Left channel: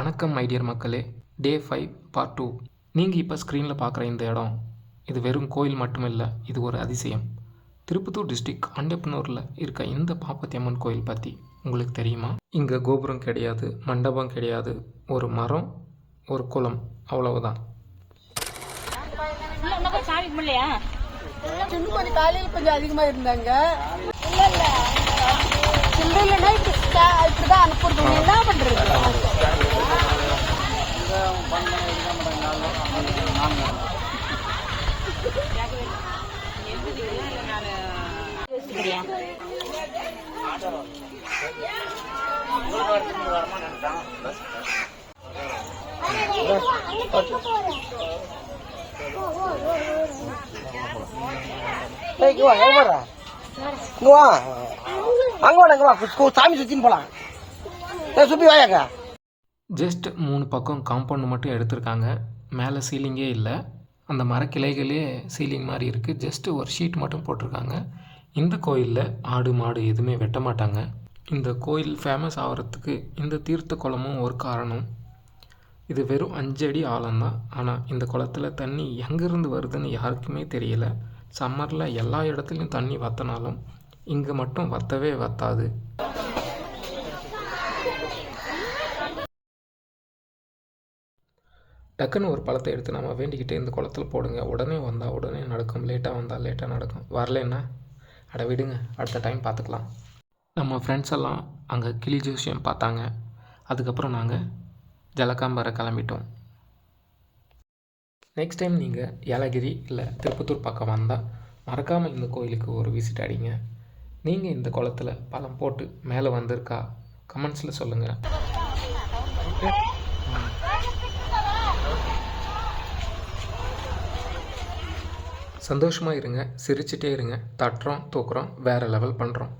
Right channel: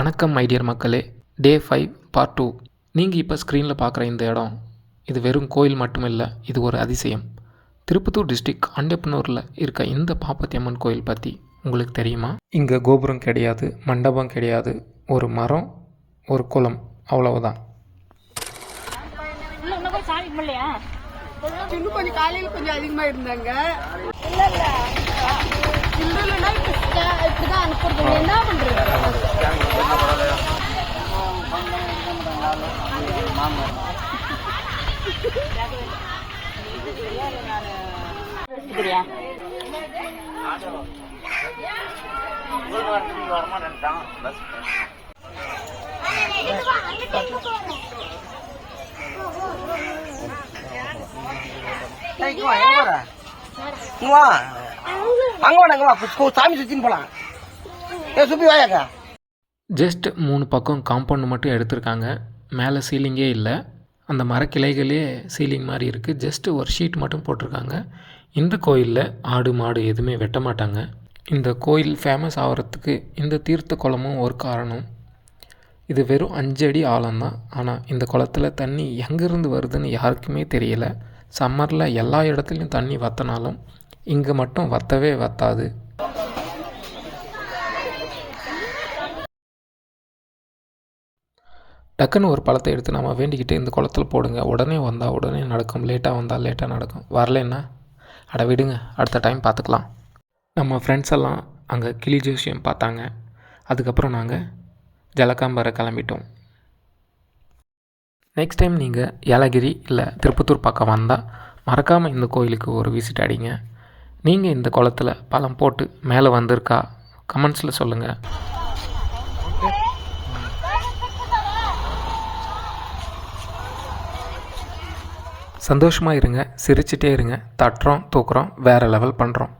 வணக்கம் மைடியர் மக்களே. டே 5 பார்ட் 2. நீங்கள் இப்போ ஸ்க்ரீனில் பார்க்குற இந்த இடம் இது வெறும் கோயில் மட்டும் இல்லை, இது ஒரு அதிசயம். திருப்பத்தூர் டிஸ்ட்ரிக்ட் அண்டப்பனூரில் இருக்க இந்த பாப்பத்தி அம்மன் கோயில் பற்றி உங்களுக்கு தெரியுமா? இங்கே கோபுரம் கிடையாது, மண்டபம் கிடையாது, ஒரு மரம், ஒரு குளம், அவ்வளவுதான். கொஞ்சம் அதிகமாக இருந்தாங்க. என்ன பண்றது? சாமி சுத்தின்னு போலாம். ஜஸ்ட் 3 பக்கம் காம்பவுண்ட் மட்டும் எடுத்திருக்காங்க. மேலே சீலிங்கே இல்லை, அந்த மரக்கிளைகளே சீலிங் மாதிரி இருக்குது. ஜஸ்ட்டு ஒரு ஷீட் மட்டும் போட்டிருக்காங்க. இந்த கோயிலில் ஆடு மாடு எதுவுமே வெட்ட மாட்டாங்க. இந்த கோயில் ஃபேமஸ் ஆகிறதுக்கு இந்த தீர்த்த குளமும் ஒரு காரணம். இது வெறும் 5 அடி ஆழம்தான். ஆனால் இந்த குளத்தில் தண்ணி எங்கேருந்து வருதுன்னு யாருக்குமே தெரியல. சம்மரில் எல்லா இடத்துலையும் தண்ணி வற்றினாலும் இங்கே மட்டும் வற்றவே வற்றாது. டக்குன்னு ஒரு பழத்தை எடுத்து நம்ம வேண்டிக்கிட்டு இந்த குளத்தில் போடுங்க. உடனே வந்தால் உடனே நடக்கும், லேட்டாக வந்தால் லேட்டாக நடக்கும். வரலன்னா அட விடுங்க, அடுத்த டைம் பார்த்துக்கலாம். நம்ம ஃப்ரெண்ட்ஸ் எல்லாம் அங்கே கிளி ஜோசியம் பார்த்தாங்க. அதுக்கப்புறம் நாங்கள் ஜலகாம்பரை கிளம்பிட்டோம். நெக்ஸ்ட் டைம் நீங்கள் ஏலகிரி இல்லை திருப்பத்தூர் பக்கம் வந்தால் மறக்காமல் இந்த கோயிலுக்கு ஒரு விசிட் அடிங்க. நீங்கள் இந்த குளத்தில் பழம் போட்டு மேலே வந்திருக்கா கமெண்ட்ஸில் சொல்லுங்கள். சந்தோஷமாக இருங்க, சிரிச்சிட்டே இருங்க. தட்டுறோம் தூக்குறோம், வேறு லெவல் பண்ணுறோம்.